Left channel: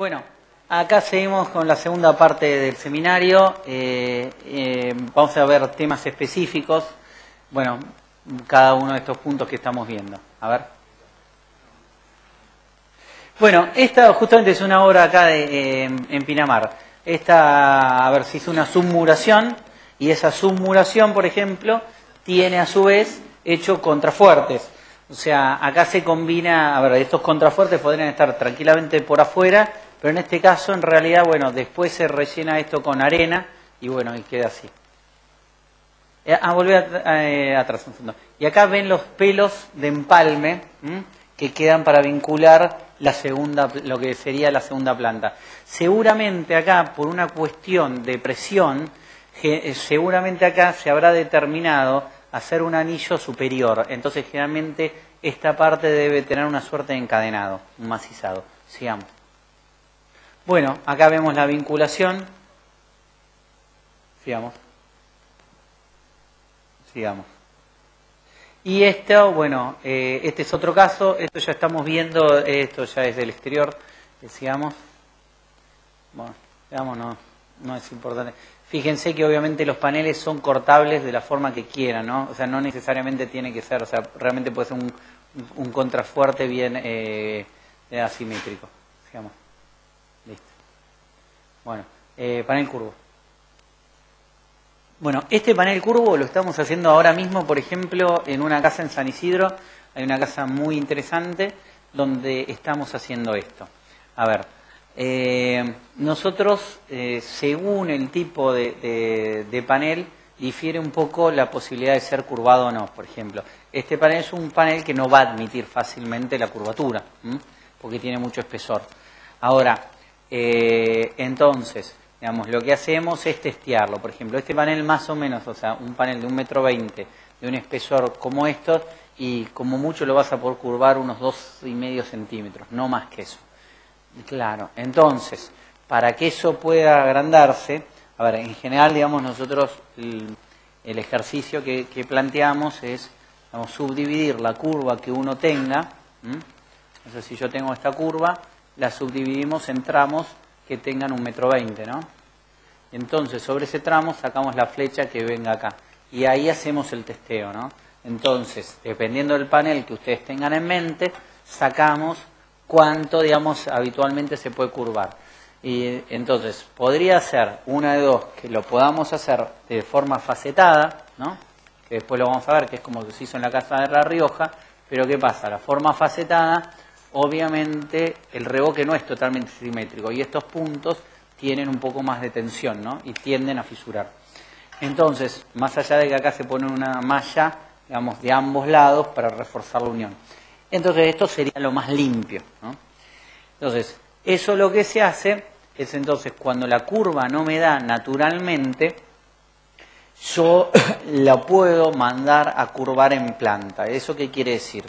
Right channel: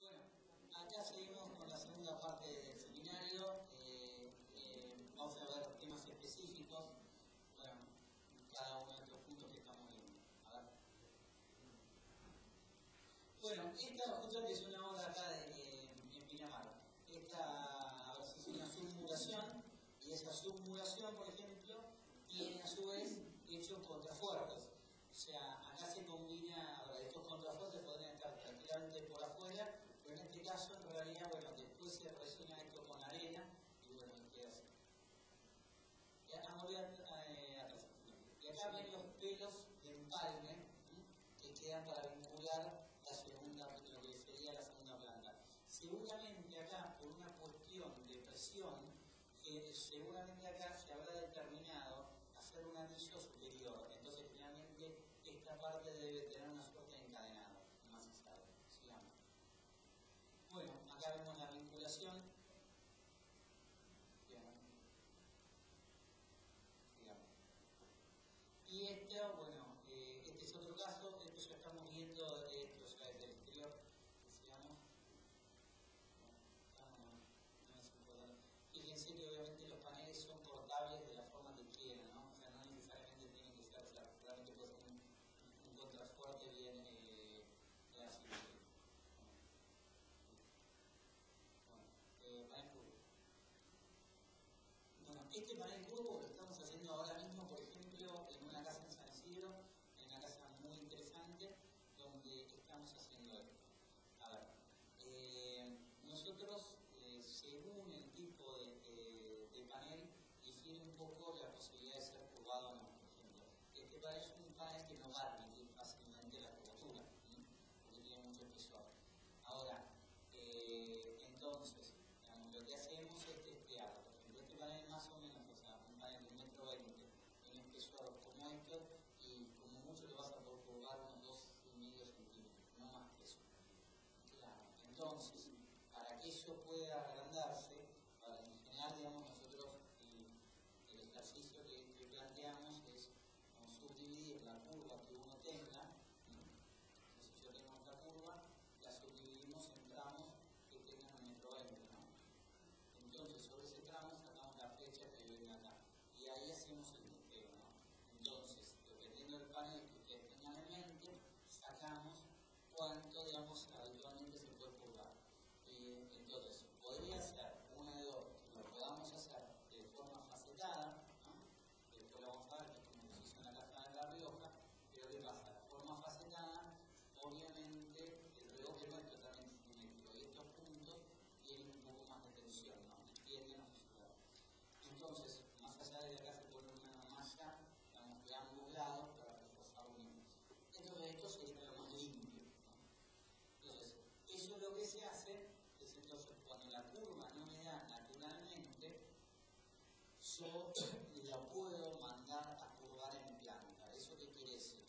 Bueno, acá seguimos con la segunda parte del seminario. Vamos a ver temas específicos. Bueno, cada uno de estos puntos que estamos viendo. A ver. Bueno, esta justamente es una obra acá en Pinamar. Esta, a ver, se hizo una submuración y esa submuración, por ejemplo, tiene a su vez hecho contrafuertes. O sea, acá se combina, a ver, estos contrafuertes podrían estar tranquilamente por afuera, pero en este caso, en realidad, bueno, después se rellena esto con arena y bueno, y queda así. Volví atrás un segundo. Y acá ven los pelos de empalme que quedan para vincular la segunda, lo que sería la segunda planta. Seguramente acá, por una cuestión de presión, seguramente acá se habrá determinado hacer un anillo superior. Entonces, generalmente, esta parte debe tener una suerte de encadenado, un macizado. Sigamos. Bueno, acá vemos la vinculación. Sigamos. Y esto, bueno, este es otro caso. Esto ya estamos viendo, esto ya es del exterior. Sigamos. Bueno, digamos, no es importante. Fíjense que obviamente los paneles son cortables de la forma que quieran, ¿no? O sea, no necesariamente tiene que ser, o sea, realmente puede ser un contrafuerte bien asimétrico. Sigamos. Listo. Bueno, panel curvo. Bueno, este panel curvo lo estamos haciendo ahora mismo, por ejemplo, en una casa en San Isidro. Hay una casa muy interesante donde estamos haciendo esto. A ver, nosotros, según el tipo de panel, difiere un poco la posibilidad de ser curvado o no. Por ejemplo, este panel es un panel que no va a admitir fácilmente la curvatura, porque tiene mucho espesor. Ahora, entonces, digamos, lo que hacemos es testearlo. Por ejemplo, este panel más o menos, o sea, un panel de 1,20 m, de un espesor como estos, y como mucho lo vas a poder curvar unos 2,5 centímetros, no más que eso. Claro, entonces, para que eso pueda agrandarse, a ver, en general, digamos, nosotros el ejercicio que planteamos es, digamos, subdividir la curva que uno tenga. Entonces, si yo tengo esta curva, la subdividimos en tramos que tengan 1,20 m, ¿no? Entonces, sobre ese tramo sacamos la flecha que venga acá. Y ahí hacemos el testeo, ¿no? Entonces, dependiendo del panel que ustedes tengan en mente, sacamos cuánto, digamos, habitualmente se puede curvar. Y entonces, podría ser una de dos, que lo podamos hacer de forma facetada, ¿no? Que después lo vamos a ver, que es como se hizo en la casa de La Rioja. Pero ¿qué pasa? La forma facetada, obviamente, el revoque no es totalmente simétrico y estos puntos tienen un poco más de tensión, ¿no? Y tienden a fisurar. Entonces, más allá de que acá se pone una malla, digamos, de ambos lados para reforzar la unión. Entonces, esto sería lo más limpio, ¿no? Entonces, eso lo que se hace es entonces, cuando la curva no me da naturalmente, yo la puedo mandar a curvar en planta. ¿Eso qué quiere decir?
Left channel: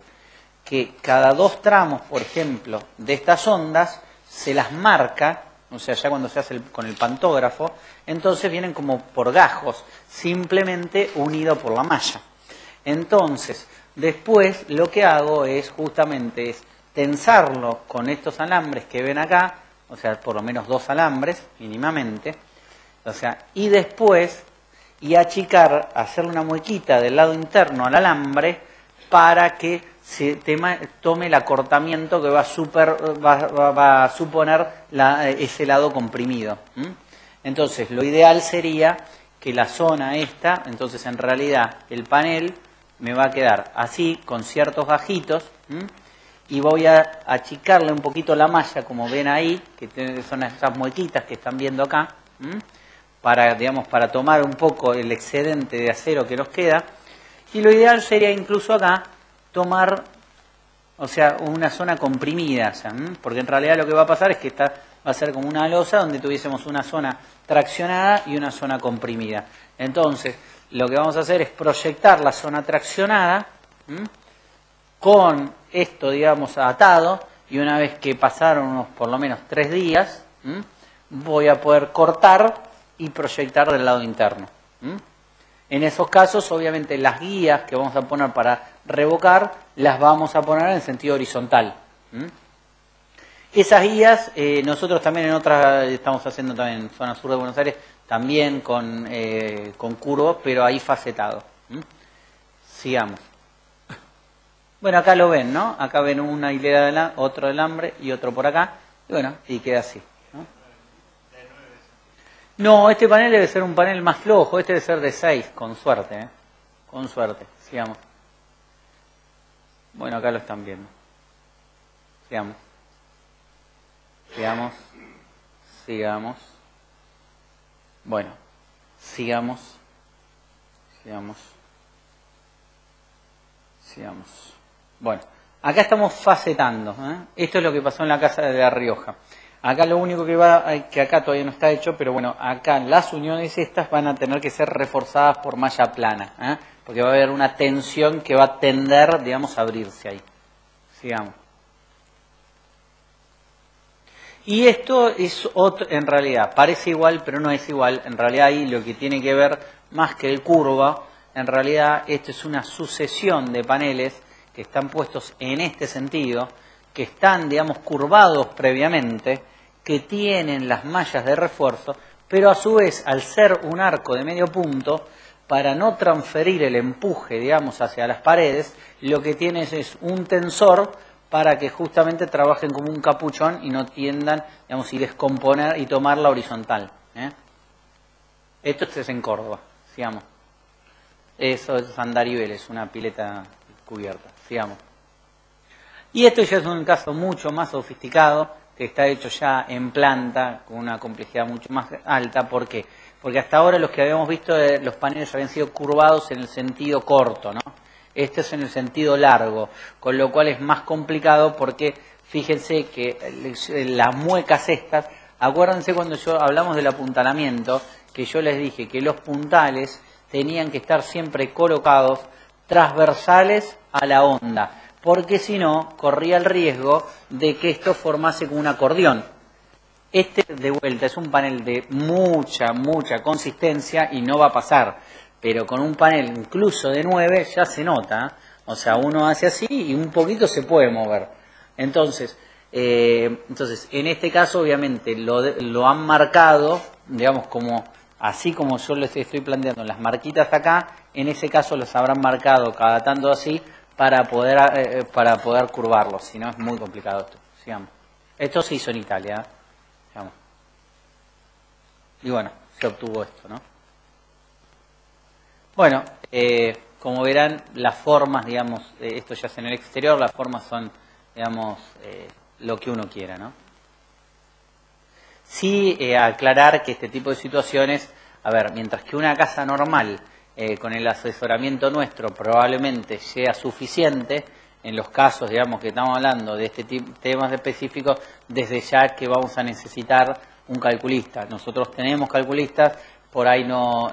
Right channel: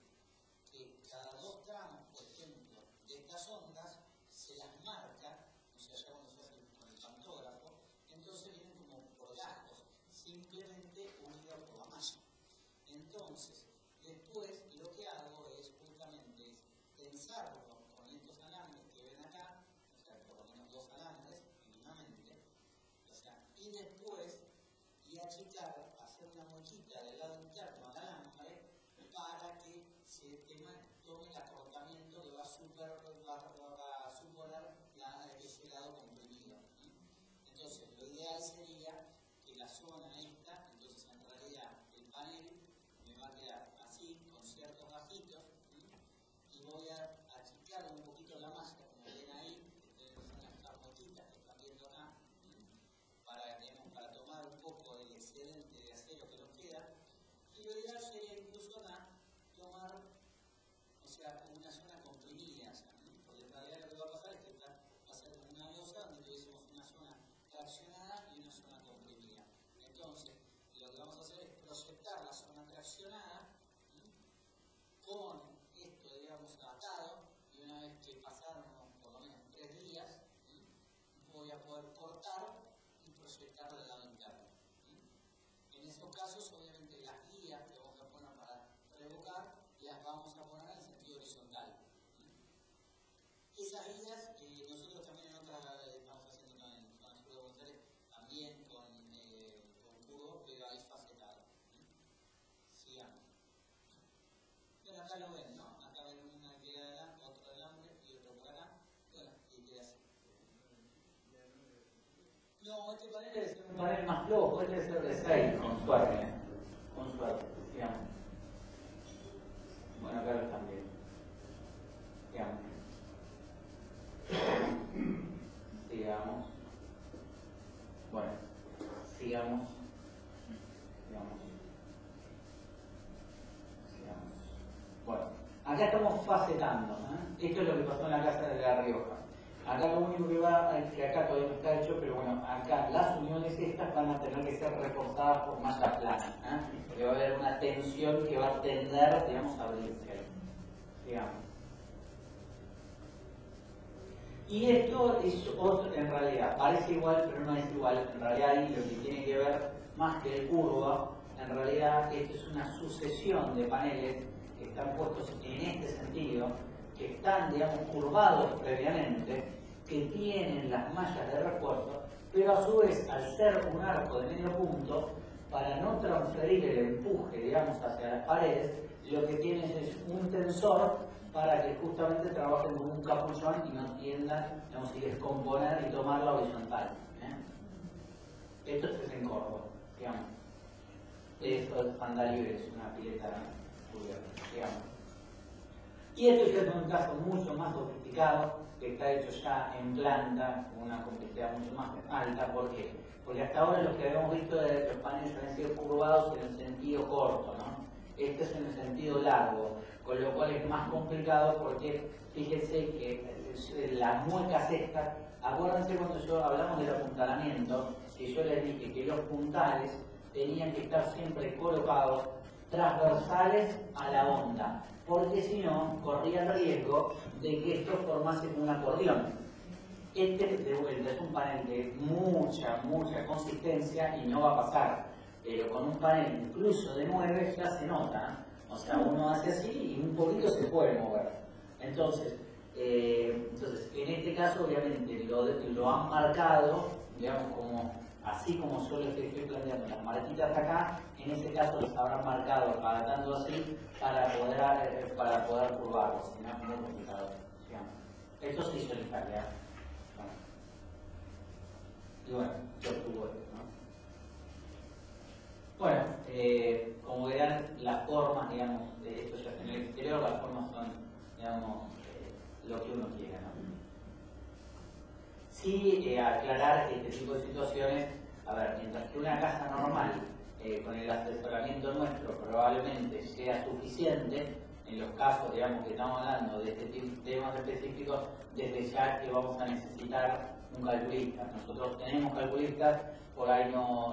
Que cada 2 tramos, por ejemplo, de estas ondas, se las marca, o sea, ya cuando se hace con el pantógrafo, entonces vienen como por gajos, simplemente unido por la malla. Entonces, después lo que hago es justamente tensarlo con estos alambres que ven acá, o sea, por lo menos 2 alambres mínimamente, o sea, y después achicar, hacerle una muequita del lado interno al alambre para que se tome el acortamiento que va a suponer ese lado comprimido. Entonces, lo ideal sería que la zona esta, entonces en realidad el panel me va a quedar así, con ciertos gajitos, y voy a achicarle un poquito la malla, como ven ahí, que son estas muequitas que están viendo acá, para, digamos, para tomar un poco el excedente de acero que nos queda. Y lo ideal sería incluso acá tomar, o sea, una zona comprimida, o sea, porque en realidad lo que va a pasar es que esta va a ser como una losa donde tuviésemos una zona traccionada y una zona comprimida. Entonces, lo que vamos a hacer es proyectar la zona traccionada con esto, digamos, atado, y una vez que pasaron unos por lo menos 3 días, voy a poder cortar y proyectar del lado interno. En esos casos, obviamente, las guías que vamos a poner para revocar, las vamos a poner en sentido horizontal. Esas guías, nosotros también en otras, estamos haciendo también en zona sur de Buenos Aires, también con curvos, pero ahí facetado. Sigamos. Bueno, acá lo ven, ¿no? Acá ven una hilera de otro de alambre y otro por acá. Y bueno, y queda así. No, este panel debe ser un panel más flojo, este debe ser de 6, con suerte, ¿eh? Con suerte, sigamos. Bueno, acá lo están viendo. Sigamos. Sigamos. Sigamos. Bueno, sigamos. Sigamos. Sigamos. Bueno, acá estamos facetando, ¿eh? Esto es lo que pasó en la casa de La Rioja. Acá lo único que acá todavía no está hecho, pero bueno, acá las uniones estas van a tener que ser reforzadas por malla plana, ¿eh? Porque va a haber una tensión que va a tender, digamos, a abrirse ahí. Sigamos. Y esto es otro, en realidad, parece igual, pero no es igual. En realidad ahí lo que tiene que ver, más que el curva, en realidad esto es una sucesión de paneles que están puestos en este sentido, que están, digamos, curvados previamente, que tienen las mallas de refuerzo, pero a su vez, al ser un arco de medio punto, para no transferir el empuje, digamos, hacia las paredes, lo que tienes es un tensor para que justamente trabajen como un capuchón y no tiendan, digamos, y descomponer y tomar la horizontal, ¿eh? Esto es en Córdoba, sigamos. Eso es Andarivel, es una pileta cubierta, sigamos. Y esto ya es un caso mucho más sofisticado, que está hecho ya en planta, con una complejidad mucho más alta. ¿Por qué? Porque hasta ahora los que habíamos visto, los paneles habían sido curvados en el sentido corto, ¿no? Este es en el sentido largo, con lo cual es más complicado porque fíjense que las muecas estas, acuérdense cuando hablamos del apuntalamiento, que yo les dije que los puntales tenían que estar siempre colocados transversales a la onda, porque si no, corría el riesgo de que esto formase como un acordeón. Este, de vuelta, es un panel de mucha consistencia y no va a pasar, pero con un panel incluso de 9 ya se nota, o sea, uno hace así y un poquito se puede mover. Entonces, en este caso, obviamente, lo han marcado, digamos, como así como yo les estoy planteando las marquitas acá, en ese caso los habrán marcado cada tanto así para poder curvarlo, si no es muy complicado esto. Sigamos. Esto se hizo en Italia, digamos. Y bueno, se obtuvo esto, ¿no? Bueno, como verán, las formas, digamos, esto ya es en el exterior, las formas son, digamos, lo que uno quiera, ¿no? Sí, aclarar que este tipo de situaciones, a ver, mientras que una casa normal, con el asesoramiento nuestro, probablemente sea suficiente, en los casos, digamos, que estamos hablando de este tipo de temas específicos, desde ya que vamos a necesitar un calculista. Nosotros tenemos calculistas, por ahí no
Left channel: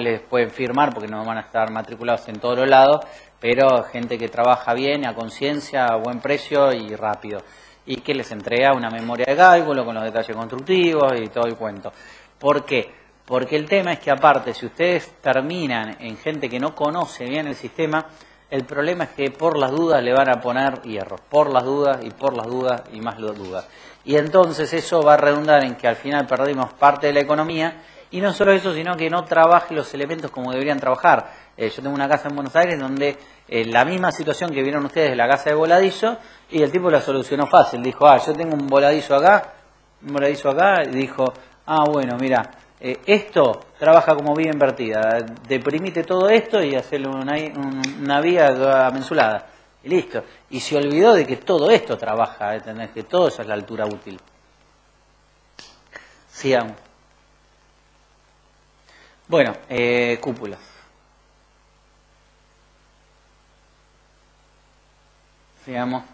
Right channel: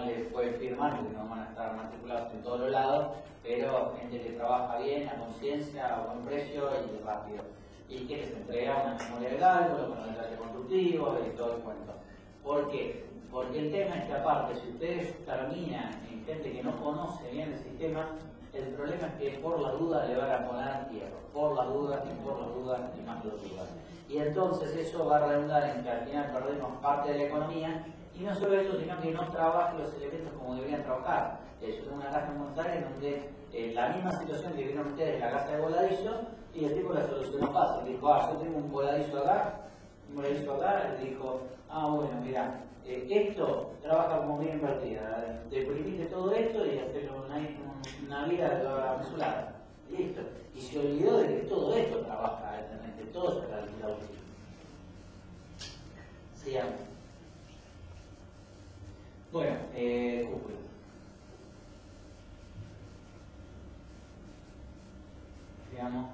les pueden firmar porque no van a estar matriculados en todos los lados, pero gente que trabaja bien, a conciencia, a buen precio y rápido, y que les entrega una memoria de cálculo con los detalles constructivos y todo el cuento. ¿Por qué? Porque el tema es que aparte, si ustedes terminan en gente que no conoce bien el sistema, el problema es que por las dudas le van a poner hierro, por las dudas y más dudas. Y entonces eso va a redundar en que al final perdimos parte de la economía, y no solo eso, sino que no trabaje los elementos como deberían trabajar. Yo tengo una casa en Buenos Aires donde la misma situación que vieron ustedes de la casa de voladizo, y el tipo la solucionó fácil. Dijo, yo tengo un voladizo acá, y dijo, bueno, mira, esto trabaja como vía invertida. Deprimite todo esto y hacerle una vía mensulada. Y listo. Y se olvidó de que todo esto trabaja, ¿entendés? Que todo eso es la altura útil. Sigamos. Bueno, cúpulas. Sigamos.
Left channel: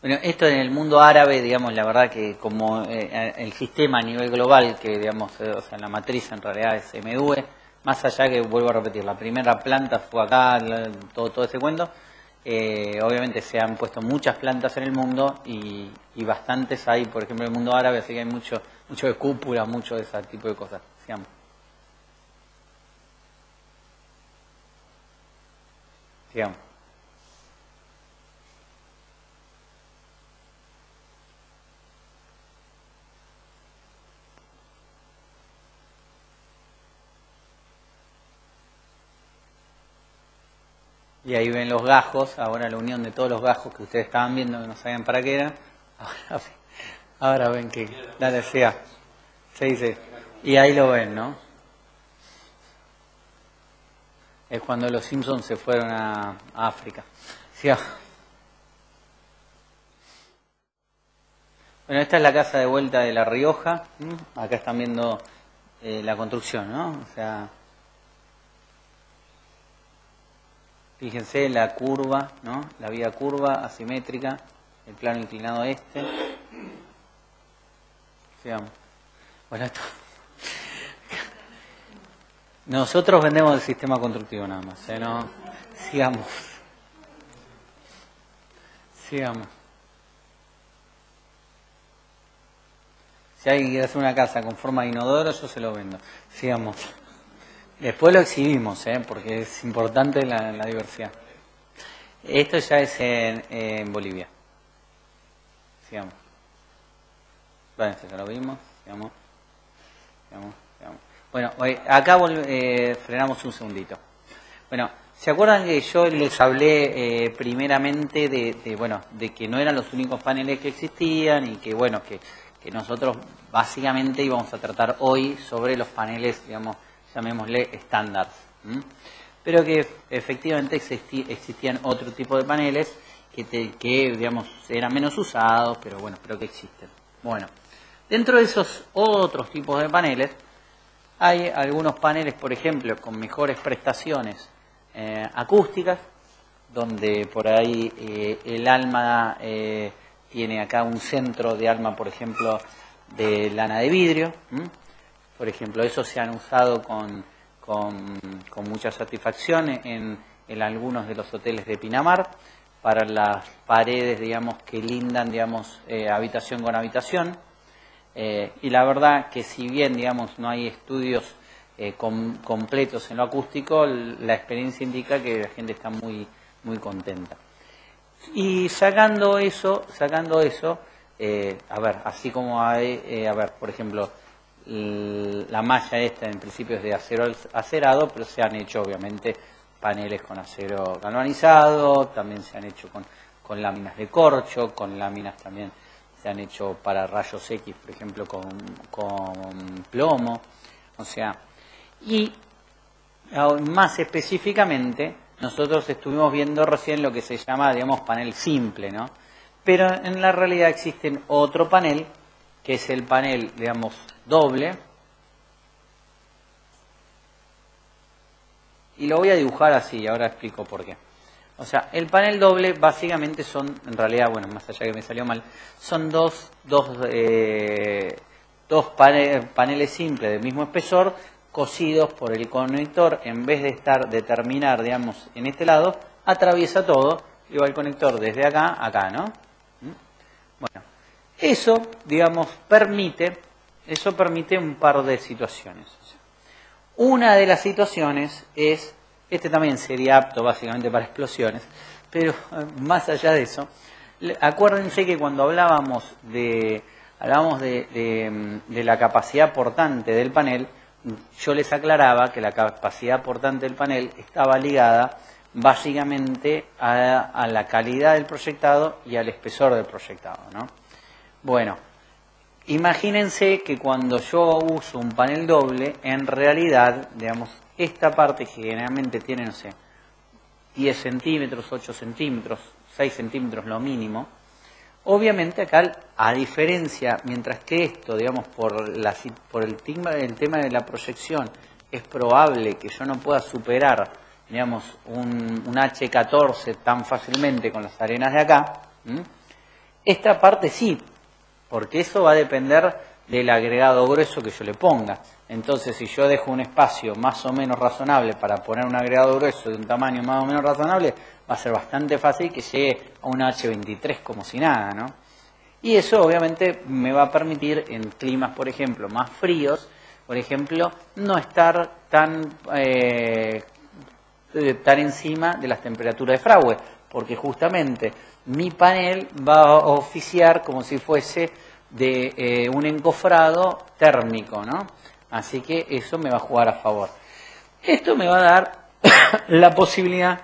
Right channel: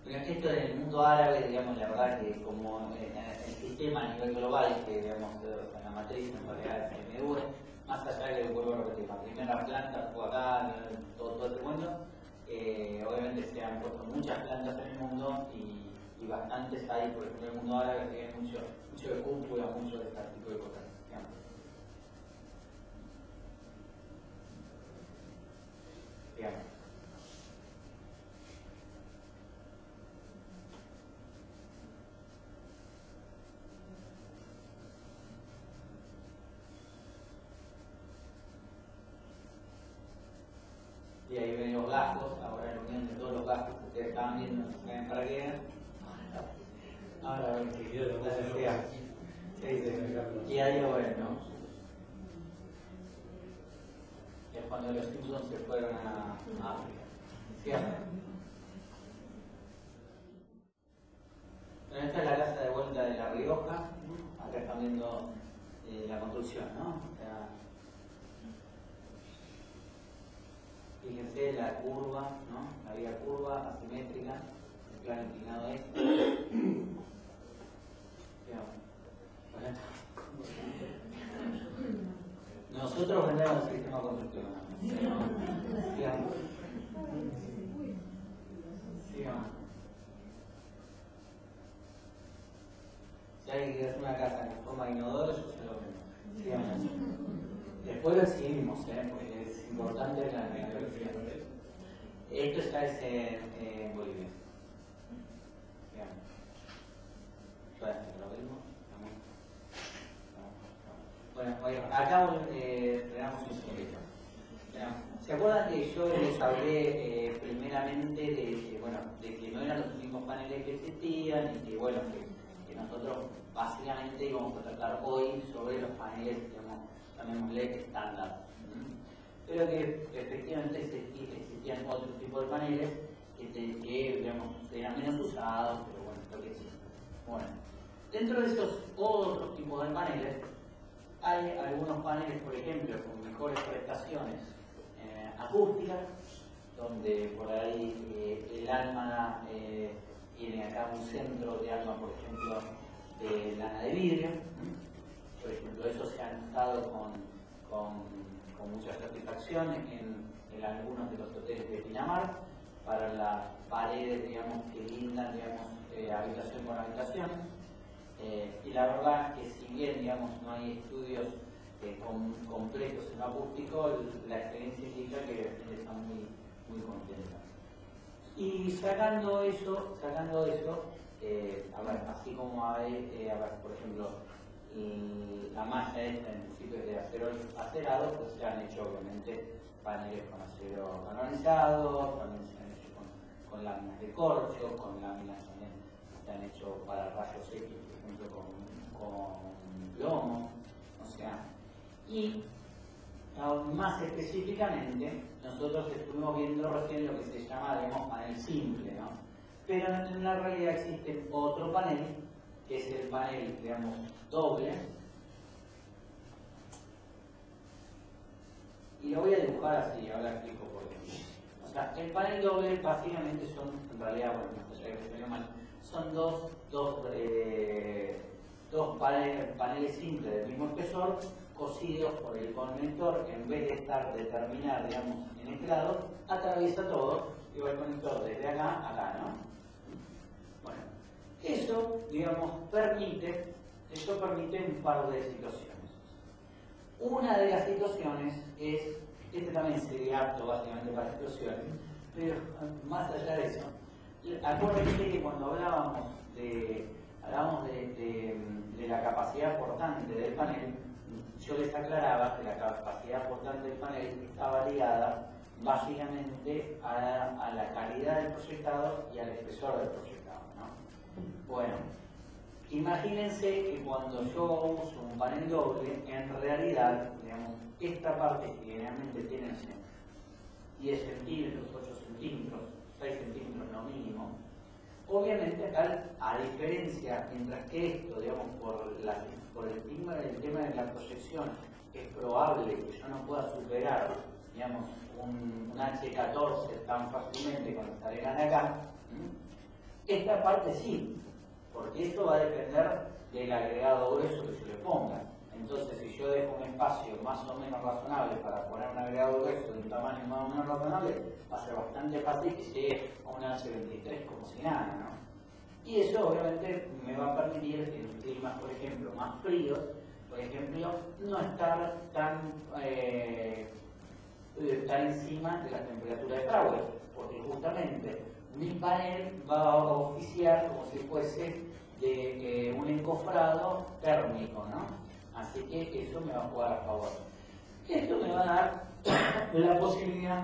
Bueno, esto en el mundo árabe, digamos, la verdad que como el sistema a nivel global, que digamos, o sea, la matriz en realidad es MV, más allá que, vuelvo a repetir, la primera planta fue acá, todo ese cuento, obviamente se han puesto muchas plantas en el mundo y bastantes hay, por ejemplo, en el mundo árabe, así que hay mucho de cúpula, mucho de ese tipo de cosas, digamos. Sigamos. Y ahí ven los gajos, ahora la unión de todos los gajos que ustedes estaban viendo, que no sabían para qué era. Ahora ven que la necesidad. Sí, sí. Y ahí lo ven, ¿no? Es cuando los Simpsons se fueron a África. Sí. Bueno, esta es la casa de vuelta de La Rioja. Acá están viendo la construcción, ¿no? O sea, fíjense la curva, ¿no? La vía curva, asimétrica, el plano inclinado este. Sigamos. Bueno, esto. Nosotros vendemos el sistema constructivo nada más, ¿no? Sigamos. Sigamos. Si alguien quiere hacer una casa con forma de inodoro, yo se lo vendo. Sigamos. Después lo exhibimos, porque es importante la diversidad. Esto ya es en Bolivia. Sigamos. Bueno, esto ya lo vimos. Sigamos. Sigamos. Bueno, acá frenamos un segundito. Bueno, ¿se acuerdan que yo les hablé primeramente de que no eran los únicos paneles que existían y que bueno, que nosotros básicamente íbamos a tratar hoy sobre los paneles, digamos, llamémosle estándar, pero que efectivamente existían otro tipo de paneles que digamos eran menos usados, pero bueno, pero que existen. Bueno, dentro de esos otros tipos de paneles hay algunos paneles, por ejemplo, con mejores prestaciones acústicas, donde por ahí el alma tiene acá un centro de alma, por ejemplo, de lana de vidrio. Por ejemplo, esos se han usado con mucha satisfacción en algunos de los hoteles de Pinamar, para las paredes, digamos, que lindan, digamos, habitación con habitación. Y la verdad que si bien, digamos, no hay estudios completos en lo acústico, la experiencia indica que la gente está muy, muy contenta. Y sacando eso, a ver, así como hay, por ejemplo, la malla esta en principio es de acero acerado, pero se han hecho obviamente paneles con acero galvanizado, también se han hecho con láminas de corcho, con láminas también se han hecho para rayos X, por ejemplo, con plomo, o sea, y más específicamente nosotros estuvimos viendo recién lo que se llama, digamos, panel simple, ¿no? Pero en la realidad existe otro panel, que es el panel, digamos, doble, y lo voy a dibujar así, ahora explico por qué. O sea, el panel doble básicamente son, en realidad, bueno, más allá que me salió mal, son dos paneles simples del mismo espesor, cosidos por el conector, en vez de terminar, digamos, en este lado, atraviesa todo y va el conector desde acá a acá, ¿no? Bueno, eso, digamos, permite un par de situaciones. Una de las situaciones es, este también sería apto básicamente para explosiones, pero más allá de eso, acuérdense que cuando hablábamos de la capacidad portante del panel, yo les aclaraba que la capacidad portante del panel estaba ligada básicamente a la calidad del proyectado y al espesor del proyectado, ¿no? Bueno, imagínense que cuando yo uso un panel doble, en realidad, digamos, esta parte que generalmente tiene, no sé, 10 centímetros, 8 centímetros, 6 centímetros lo mínimo, obviamente acá, a diferencia, mientras que esto, digamos, por el tema de la proyección, es probable que yo no pueda superar, digamos, un H14 tan fácilmente con las arenas de acá, esta parte sí, porque eso va a depender del agregado grueso que yo le ponga. Entonces, si yo dejo un espacio más o menos razonable para poner un agregado grueso de un tamaño más o menos razonable, va a ser bastante fácil que llegue a un H23 como si nada, ¿no? Y eso obviamente me va a permitir en climas, por ejemplo, más fríos, por ejemplo, no estar tan encima de las temperaturas de Fraude, porque justamente mi panel va a oficiar como si fuese de un encofrado térmico, ¿no? Así que eso me va a jugar a favor. Esto me va a dar la posibilidad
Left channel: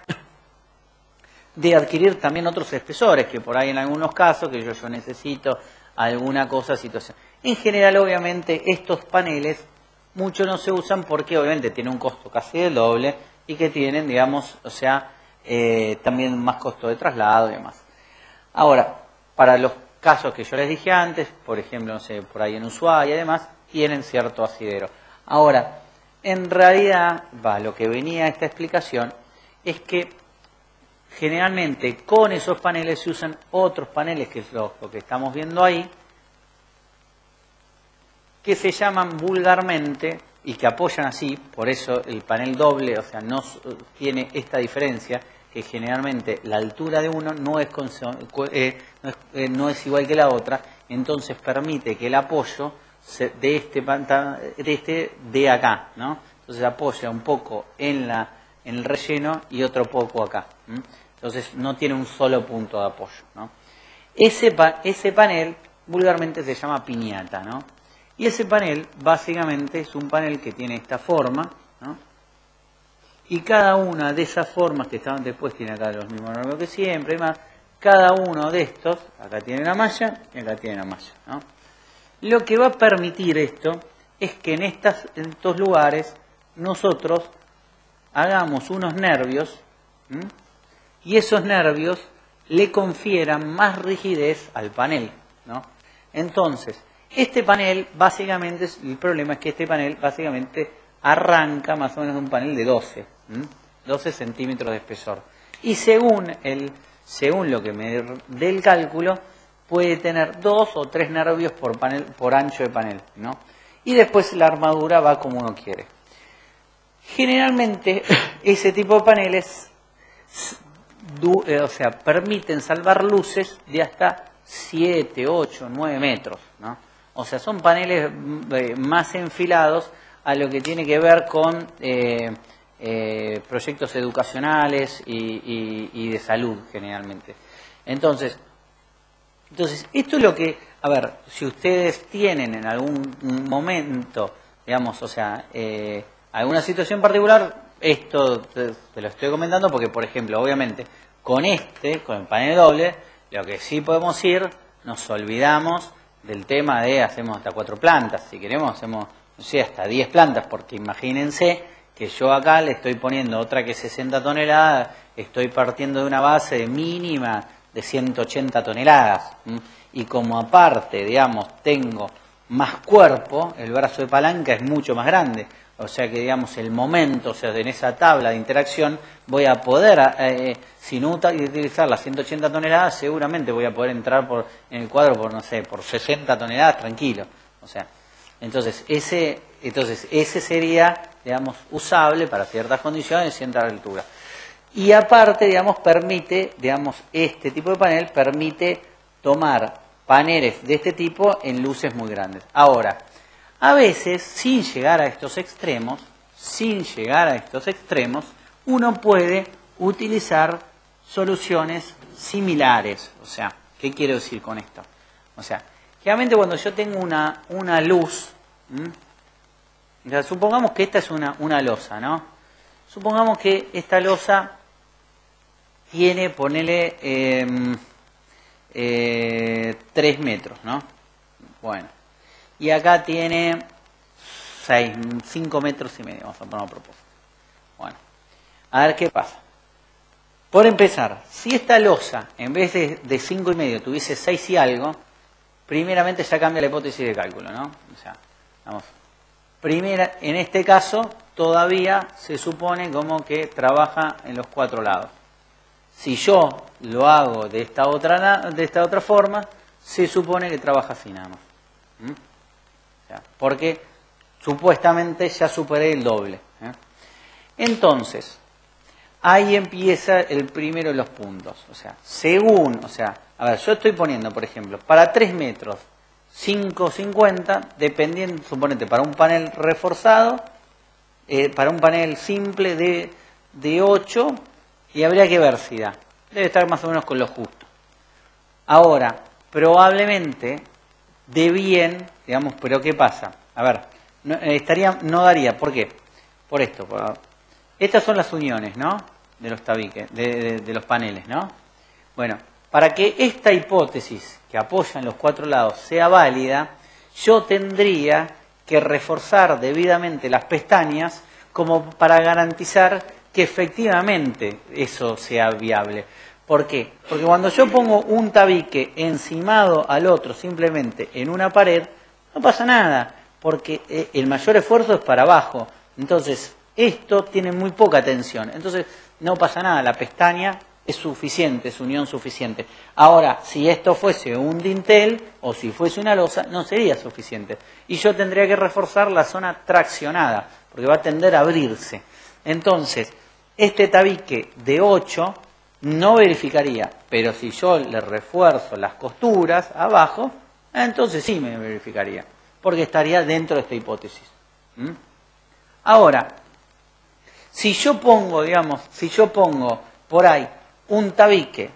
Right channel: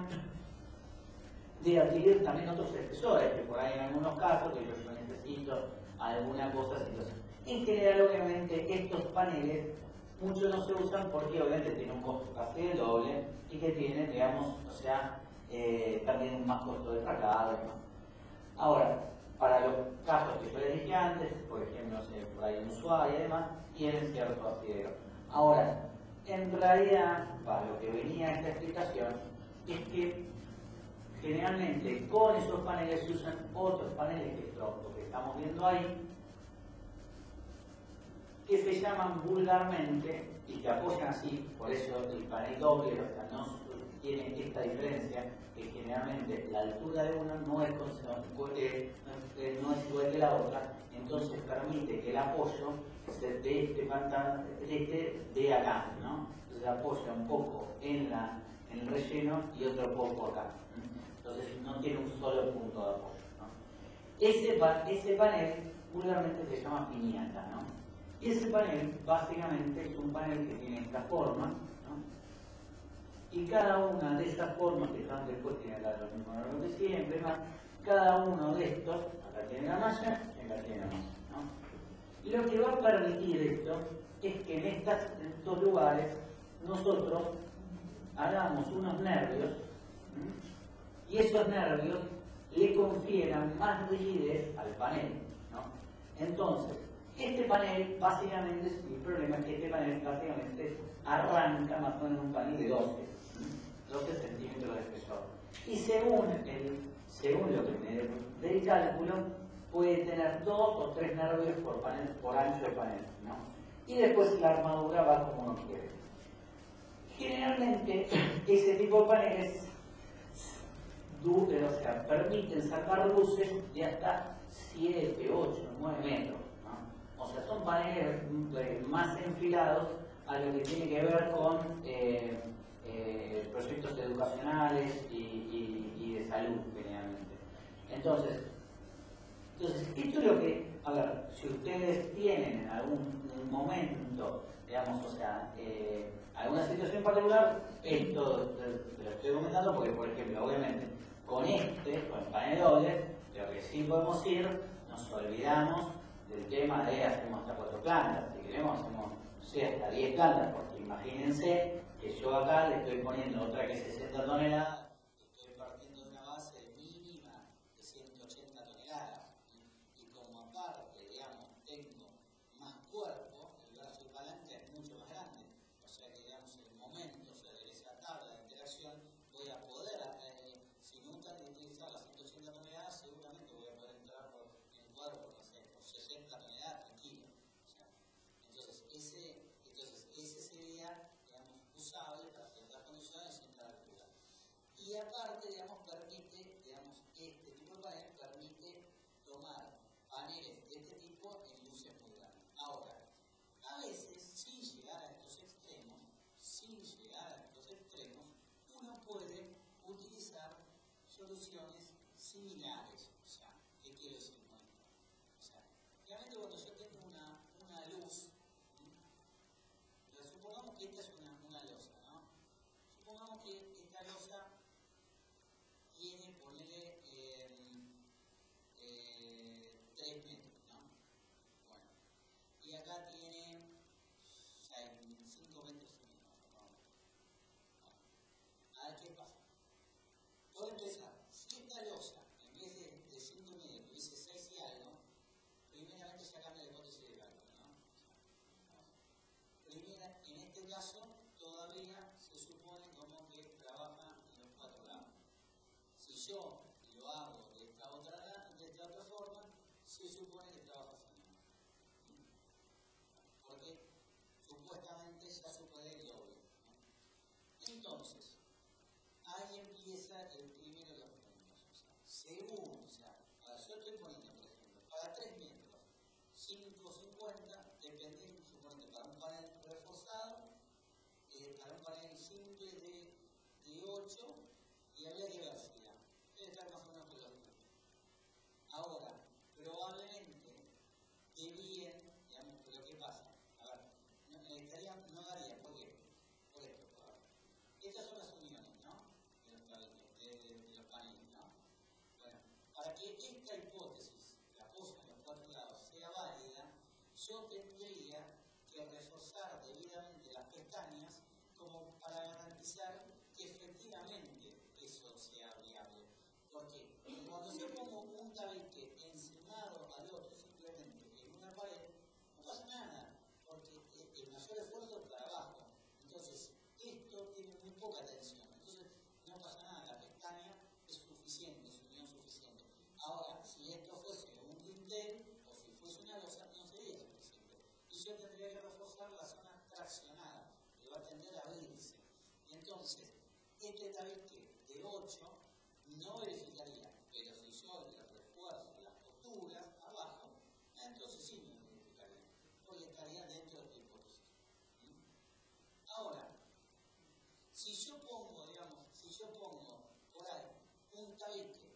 de adquirir también otros espesores, que por ahí en algunos casos, que yo necesito alguna cosa, situación. En general, obviamente, estos paneles, muchos no se usan porque obviamente tienen un costo casi del doble y que tienen, digamos, o sea, también más costo de traslado y demás. Ahora, para los casos que yo les dije antes, por ejemplo, no sé, por ahí en Ushuaia y demás, tienen cierto asidero. Ahora, en realidad, lo que venía esta explicación es que generalmente con esos paneles se usan otros paneles, que es lo que estamos viendo ahí, que se llaman vulgarmente y que apoyan así, por eso el panel doble, o sea, no tiene esta diferencia, que generalmente la altura de uno no es igual que la otra, entonces permite que el apoyo de acá, ¿no? Entonces apoya un poco en el relleno y otro poco acá. Entonces no tiene un solo punto de apoyo, ¿no? Ese panel vulgarmente se llama piñata, ¿no? Y ese panel básicamente es un panel que tiene esta forma, ¿no? Y cada una de esas formas que estaban después tiene acá los mismos números que siempre, y más, cada uno de estos, acá tiene la malla y acá tiene la malla, ¿no? Lo que va a permitir esto es que en estos lugares nosotros hagamos unos nervios, y esos nervios le confieran más rigidez al panel, ¿no? Entonces, este panel básicamente, el problema es que este panel básicamente arranca más o menos de un panel de 12 centímetros de espesor. Y según lo que me dé el cálculo, puede tener 2 o 3 nervios por ancho de panel, ¿no? Y después la armadura va como uno quiere. Generalmente ese tipo de paneles permiten salvar luces de hasta 7, 8, 9 metros, ¿no? O sea, son paneles más enfilados a lo que tiene que ver con proyectos educacionales y de salud, generalmente. Entonces, esto es lo que, a ver, si ustedes tienen en algún momento, digamos, o sea, alguna situación particular, esto te lo estoy comentando porque, por ejemplo, obviamente, con el panel doble, lo que sí podemos ir, nos olvidamos del tema de hacemos hasta 4 plantas, si queremos hacemos, no sé, hasta 10 plantas, porque imagínense que yo acá le estoy poniendo otra que 60 toneladas, estoy partiendo de una base de mínima de 180 toneladas, y como aparte, digamos, tengo más cuerpo, el brazo de palanca es mucho más grande, o sea que, digamos, el momento, o sea, en esa tabla de interacción voy a poder, sin utilizar las 180 toneladas, seguramente voy a poder entrar en el cuadro por, no sé, por 60 toneladas tranquilo. O sea, entonces ese sería, digamos, usable para ciertas condiciones y cierta altura. Y aparte, digamos, este tipo de panel permite tomar paneles de este tipo en luces muy grandes. Ahora, a veces, sin llegar a estos extremos, uno puede utilizar soluciones similares. O sea, ¿qué quiero decir con esto? O sea, generalmente cuando yo tengo una luz, o sea, supongamos que esta es una losa, ¿no? Supongamos que esta losa tiene, ponele, 3 metros, ¿no? Bueno. Y acá tiene 5 metros y medio, vamos a poner a propósito. Bueno, a ver qué pasa. Por empezar, si esta losa, en vez de 5 y medio, tuviese 6 y algo, primeramente ya cambia la hipótesis de cálculo, ¿no? O sea, vamos. En este caso, todavía se supone como que trabaja en los 4 lados. Si yo lo hago de esta otra forma, se supone que trabaja así nada más. Porque supuestamente ya superé el doble. Entonces, ahí empieza el primero de los puntos. O sea, a ver, yo estoy poniendo, por ejemplo, para 3 metros, 5,50, dependiendo, suponete, para un panel reforzado, para un panel simple de 8, y habría que ver si da. Debe estar más o menos con lo justo. Ahora, probablemente de bien, digamos, pero ¿qué pasa? A ver, no daría, ¿por qué? Por esto. Estas son las uniones, ¿no? de los tabiques, de los paneles, ¿no? Bueno, para que esta hipótesis que apoya en los cuatro lados sea válida, yo tendría que reforzar debidamente las pestañas como para garantizar que efectivamente eso sea viable. ¿Por qué? Porque cuando yo pongo un tabique encimado al otro simplemente en una pared, no pasa nada, porque el mayor esfuerzo es para abajo. Entonces, esto tiene muy poca tensión. Entonces, no pasa nada, la pestaña es suficiente, es unión suficiente. Ahora, si esto fuese un dintel o si fuese una losa, no sería suficiente. Y yo tendría que reforzar la zona traccionada, porque va a tender a abrirse. Entonces, este tabique de 8 no verificaría, pero si yo le refuerzo las costuras abajo, entonces sí me verificaría, porque estaría dentro de esta hipótesis. Ahora, si yo pongo por ahí un tabique,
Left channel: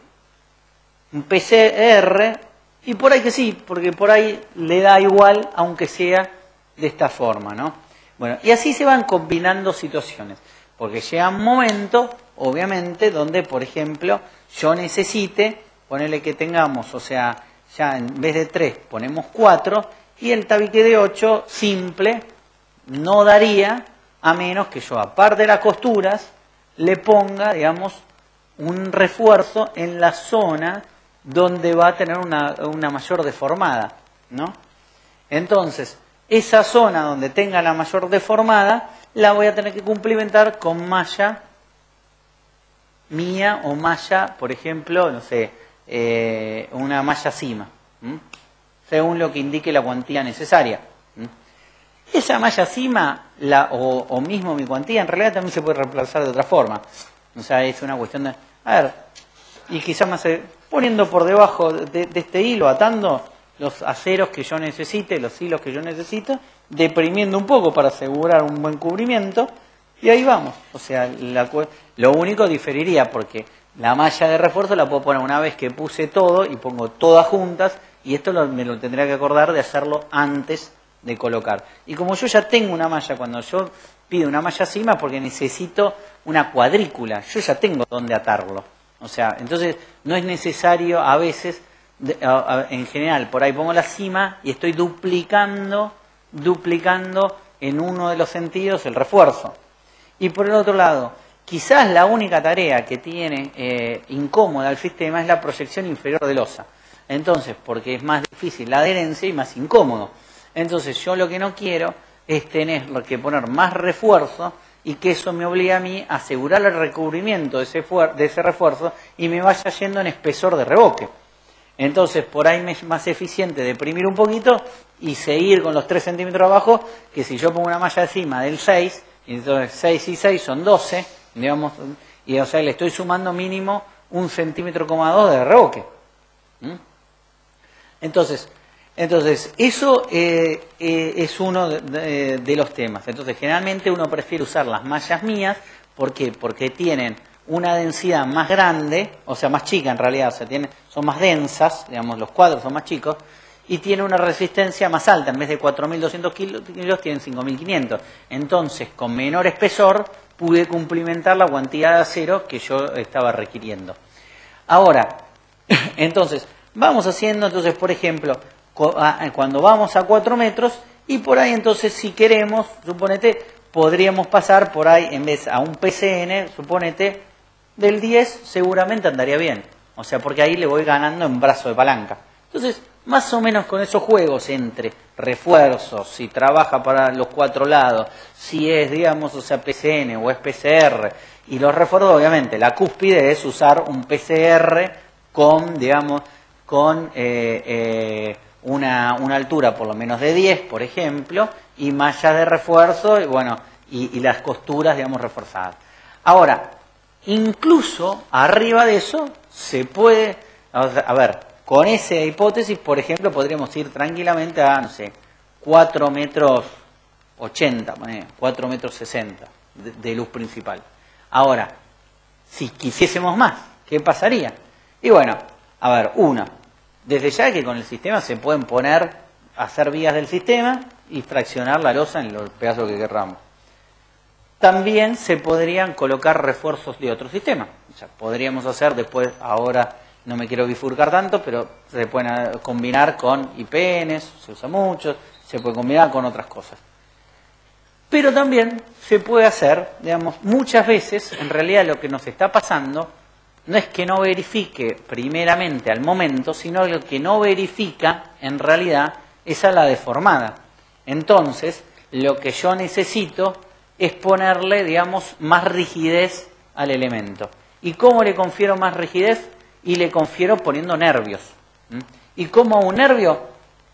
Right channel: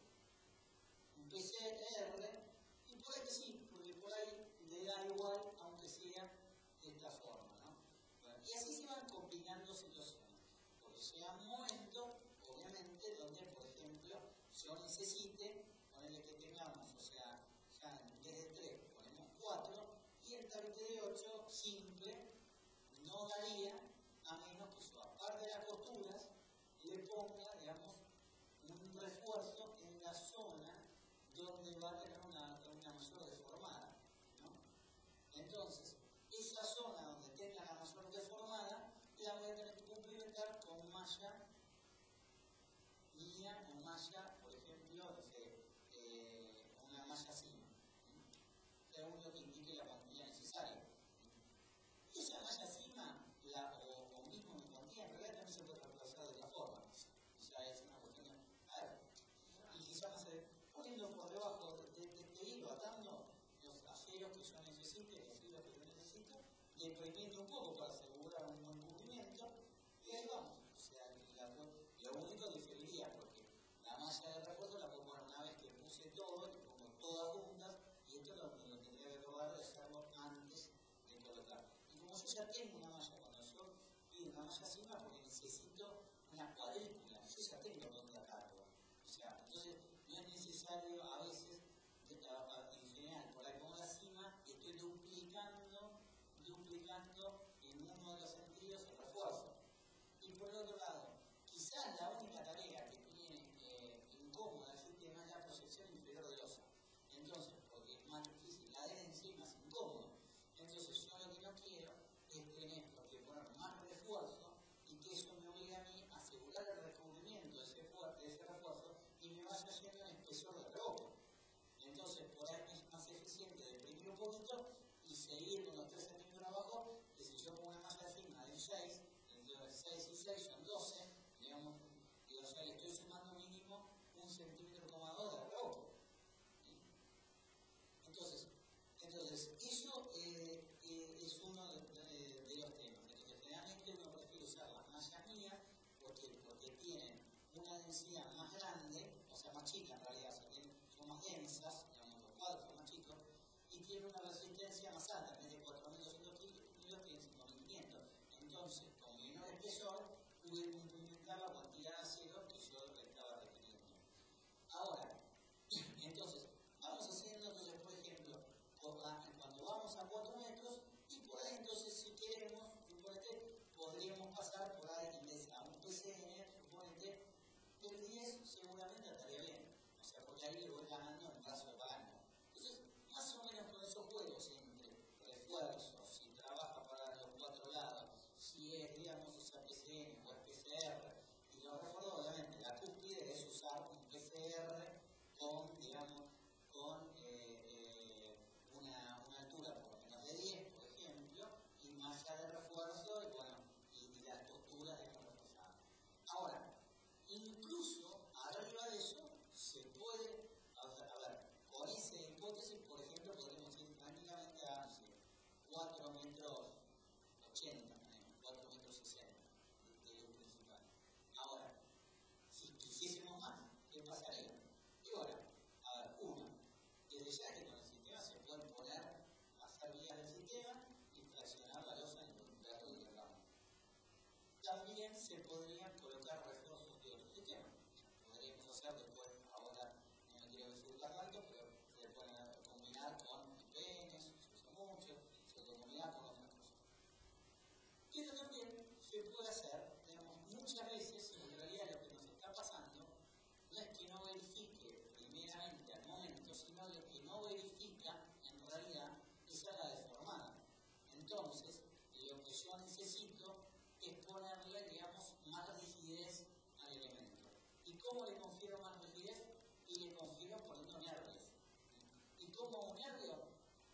un PCR, y por ahí que sí, porque por ahí le da igual, aunque sea de esta forma, ¿no? Bueno, y así se van combinando situaciones, porque llega un momento, obviamente, donde, por ejemplo, yo necesite, ponerle que tengamos, o sea, ya en vez de 3 ponemos 4, y el tabique de 8, simple, no daría, a menos que yo, aparte de las costuras, le ponga, digamos, un refuerzo en la zona donde va a tener una mayor deformada, ¿no? Entonces, esa zona donde tenga la mayor deformada, la voy a tener que cumplimentar con malla mía o malla, por ejemplo, no sé, una malla cima, según lo que indique la cuantía necesaria. Esa malla cima, o mismo mi cuantía, en realidad también se puede reemplazar de otra forma. O sea, es una cuestión de... A ver, y quizás más poniendo por debajo de este hilo, atando los aceros que yo necesite, los hilos que yo necesito, deprimiendo un poco para asegurar un buen cubrimiento, y ahí vamos. O sea, lo único diferiría, porque la malla de refuerzo la puedo poner una vez que puse todo y pongo todas juntas, y esto me lo tendría que acordar de hacerlo antes de colocar. Y como yo ya tengo una malla, cuando yo pido una malla cima, porque necesito una cuadrícula, yo ya tengo dónde atarlo. O sea, entonces no es necesario a veces, en general, por ahí pongo la cima y estoy duplicando en uno de los sentidos el refuerzo. Y por el otro lado, quizás la única tarea que tiene incómoda el sistema es la proyección inferior de losa. Entonces, porque es más difícil la adherencia y más incómodo. Entonces, yo lo que no quiero es tener que poner más refuerzo y que eso me obligue a mí a asegurar el recubrimiento de ese refuerzo y me vaya yendo en espesor de revoque. Entonces, por ahí me es más eficiente deprimir un poquito y seguir con los 3 centímetros abajo, que si yo pongo una malla encima del 6, y entonces 6 y 6 son 12, digamos, y o sea, le estoy sumando mínimo 1,2 centímetros de revoque. Entonces, eso es uno de los temas. Entonces, generalmente uno prefiere usar las mallas mías. ¿Por qué? Porque tienen una densidad más grande, o sea, más chica en realidad, o sea, son más densas, digamos, los cuadros son más chicos, y tiene una resistencia más alta. En vez de 4.200 kilos, tienen 5.500. Entonces, con menor espesor, pude cumplimentar la cantidad de acero que yo estaba requiriendo. Ahora, entonces, vamos haciendo, entonces, por ejemplo, cuando vamos a 4 metros, y por ahí entonces si queremos, suponete, podríamos pasar por ahí, en vez a un PCN, suponete, del 10 seguramente andaría bien. O sea, porque ahí le voy ganando en brazo de palanca. Entonces, más o menos con esos juegos entre refuerzos, si trabaja para los 4 lados, si es, digamos, o sea, PCN o es PCR, y los refuerzos, obviamente, la cúspide es usar un PCR con, digamos, con una altura por lo menos de 10, por ejemplo, y mallas de refuerzo, y bueno, y las costuras, digamos, reforzadas. Ahora, incluso arriba de eso se puede, a ver, con esa hipótesis, por ejemplo, podríamos ir tranquilamente a, no sé, 4 metros 80, 4 metros 60 de luz principal. Ahora, si quisiésemos más, ¿qué pasaría? Y bueno, a ver, desde ya que con el sistema se pueden hacer vías del sistema y fraccionar la losa en los pedazos que querramos. también se podrían colocar refuerzos de otro sistema. O sea, podríamos hacer después, ahora no me quiero bifurcar tanto, pero se pueden combinar con IPNs, se usa mucho, se puede combinar con otras cosas. Pero también se puede hacer, digamos, muchas veces, en realidad lo que nos está pasando no es que no verifique primeramente al momento, sino lo que no verifica en realidad es a la deformada. Entonces, lo que yo necesito es ponerle, digamos, más rigidez al elemento. ¿Y cómo le confiero más rigidez? Y le confiero poniendo nervios. ¿Y cómo un nervio?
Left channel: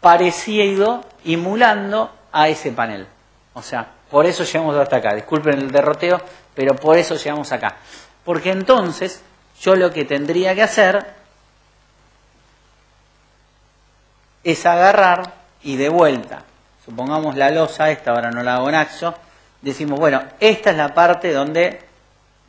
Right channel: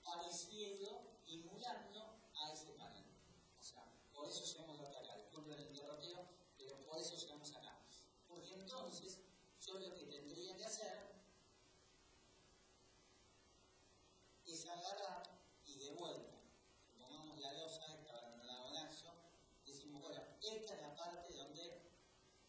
Parecido, emulando a ese panel. O sea, por eso llegamos hasta acá. Disculpen el derroteo, pero por eso llegamos acá. Porque entonces, yo lo que tendría que hacer es agarrar y de vuelta. Supongamos la losa, esta ahora no la hago en axo. Decimos, bueno, esta es la parte donde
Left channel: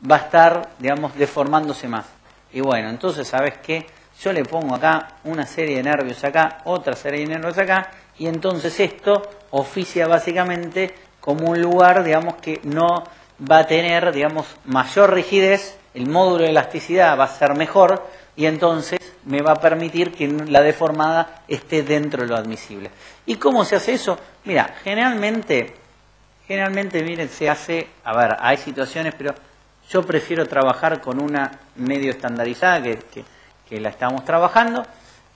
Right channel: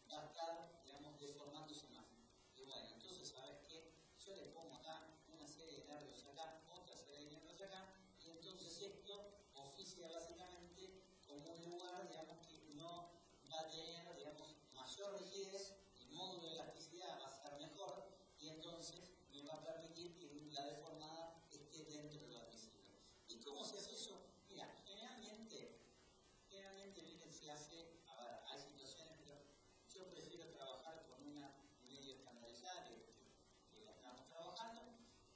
va a estar, digamos, deformándose más. Y bueno, entonces, ¿sabes qué? Yo le pongo acá una serie de nervios acá, otra serie de nervios acá, y entonces esto oficia básicamente como un lugar, digamos, que no va a tener, digamos, mayor rigidez, el módulo de elasticidad va a ser mejor, y entonces me va a permitir que la deformada esté dentro de lo admisible. ¿Y cómo se hace eso? Mira, generalmente, miren, se hace, a ver, hay situaciones, pero yo prefiero trabajar con una medio estandarizada que la estamos trabajando,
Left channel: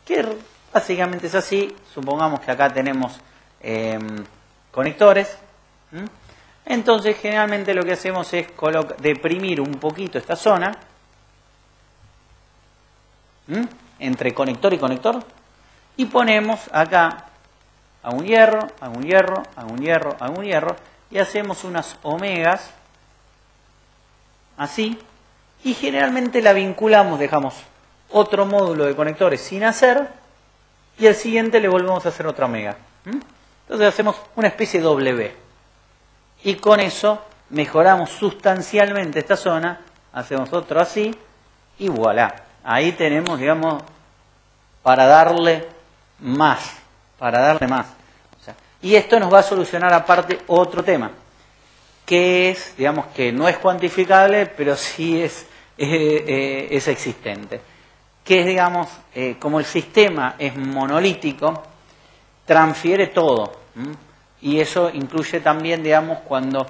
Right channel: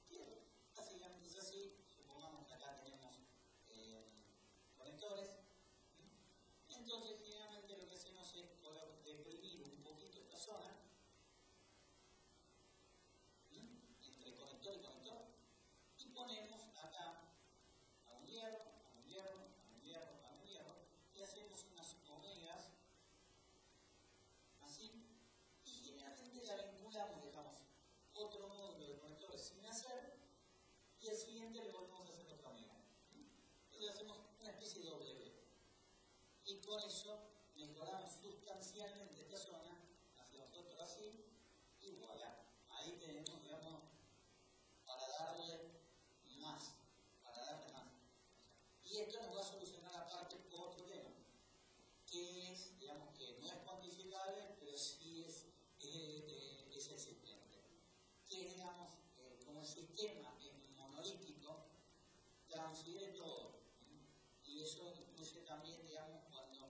que básicamente es así. Supongamos que acá tenemos conectores. Entonces, generalmente lo que hacemos es deprimir un poquito esta zona entre conector y conector, y ponemos acá a un hierro, a un hierro, a un hierro, a un hierro, y hacemos unas omegas así, y generalmente la vinculamos, dejamos otro módulo de conectores sin hacer, y al siguiente le volvemos a hacer otra omega. Entonces hacemos una especie de W, y con eso mejoramos sustancialmente esta zona, hacemos otro así, y voilà. Ahí tenemos, digamos, para darle más. O sea, y esto nos va a solucionar aparte otro tema, que es, digamos, que no es cuantificable, pero sí es existente. Que es, digamos, como el sistema es monolítico, transfiere todo. Y eso incluye también, digamos, cuando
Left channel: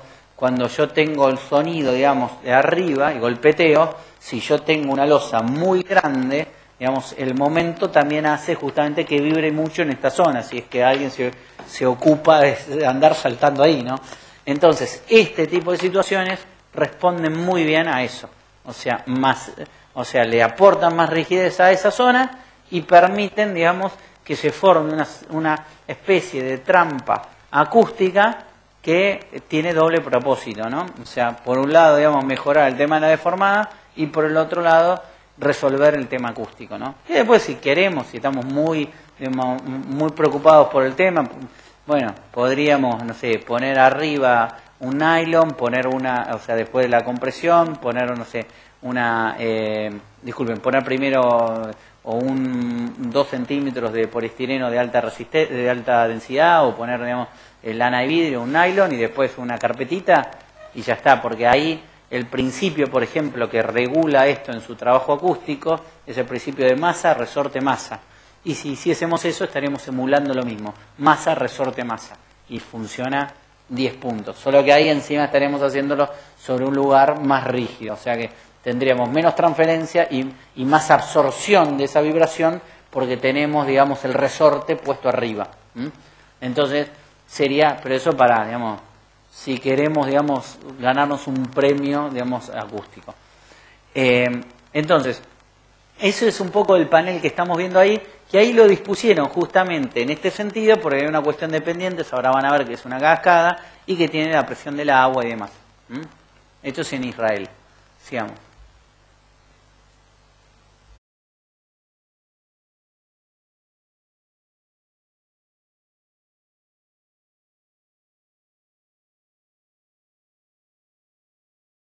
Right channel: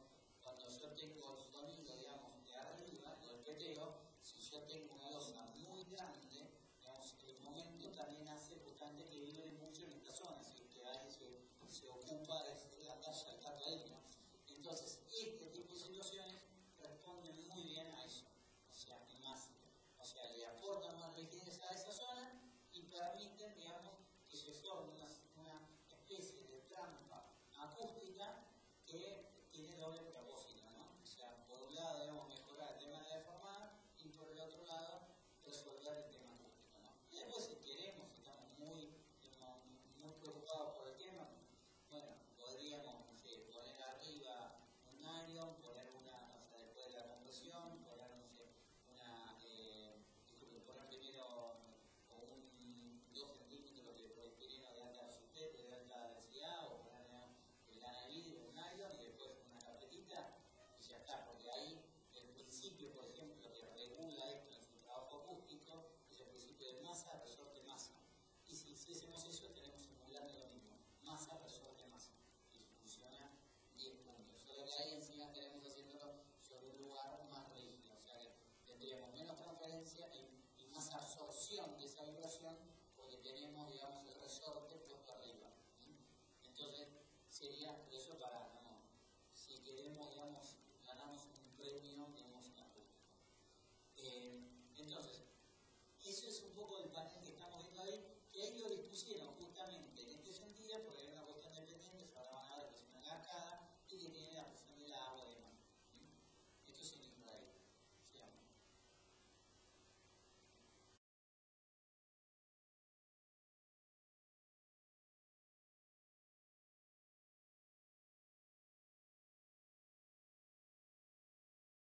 yo tengo el sonido, digamos, de arriba y golpeteo, si yo tengo una losa muy grande, digamos, el momento también hace justamente que vibre mucho en esta zona, si es que alguien se ocupa de andar saltando ahí, ¿no? Entonces, este tipo de situaciones responden muy bien a eso. O sea, le aportan más rigidez a esa zona y permiten, digamos, que se forme una especie de trampa acústica que tiene doble propósito, ¿no? O sea, por un lado, digamos, mejorar el tema de la deformada y por el otro lado, resolver el tema acústico, ¿no? Y después, si queremos, si estamos muy preocupados por el tema, bueno, podríamos, no sé, poner arriba un nylon, poner o sea, después de la compresión, poner, no sé, poner primero o 2 centímetros de poliestireno de alta densidad, o poner, digamos, lana de vidrio, un nylon, y después una carpetita, y ya está, porque ahí el principio, por ejemplo, que regula esto en su trabajo acústico, es el principio de masa, resorte, masa. Y si hiciésemos eso, estaríamos emulando lo mismo, masa, resorte, masa. Y funciona 10 puntos. Solo que ahí encima estaremos haciéndolo sobre un lugar más rígido. O sea que tendríamos menos transferencia y más absorción de esa vibración, porque tenemos, digamos, el resorte puesto arriba. Entonces, pero eso para, digamos, si queremos, digamos, ganarnos un premio, digamos, acústico. Entonces, eso es un poco el panel que estamos viendo ahí, que ahí lo dispusieron justamente en este sentido, porque hay una cuestión de pendientes, ahora van a ver que es una cascada y que tiene la presión del agua y demás. Esto es en Israel. Sigamos.